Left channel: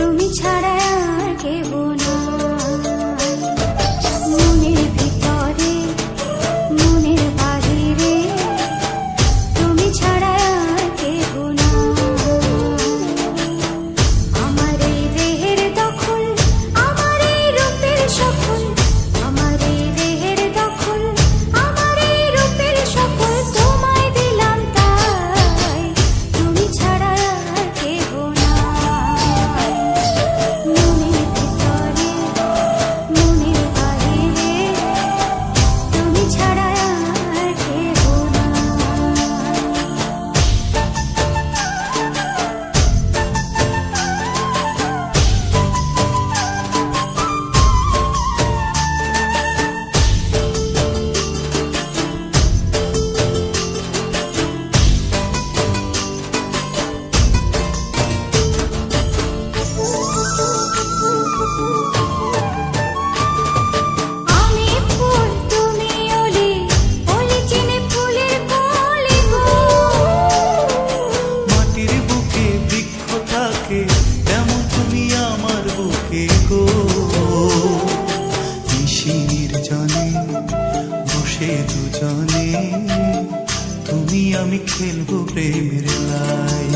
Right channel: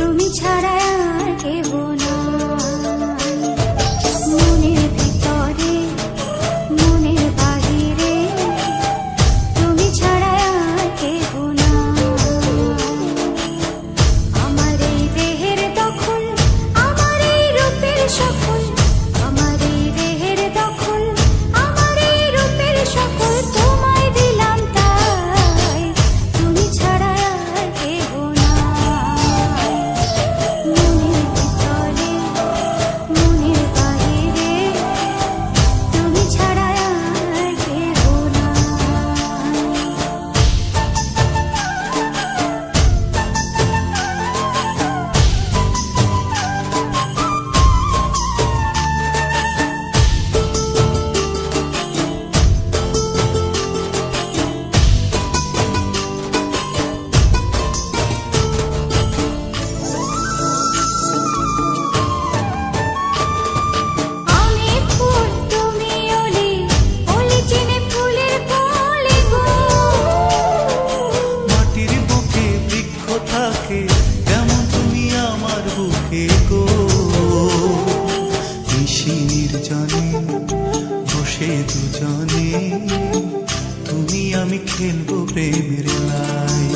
তুমি ছাড়া আর কেহ নাই। মনের ভিতরে মনের বাহিরে তুমি ছাড়া আর কেহ নাই। আমার এই দেহের দখল, আমার এই রূপের সকল, আমার এই দেহের দখল, আমার এই রূপের সকল তোমায় দিলাম তাই। তুমি ছাড়া আর কেহ নাই। মনের ভিতরে মনের বাহিরে তুমি ছাড়া আর কেহ নাই। আমি ফুল তুমি অলি, অলি চিনে ফুলের কলি গো। মাটির বুকে বৃক্ষ থাকে তেমন তুমি আমার বুকে গো। নিশি নির্জনে বসে দুজনে তুমি আমি খেলবো প্রেমের লাই।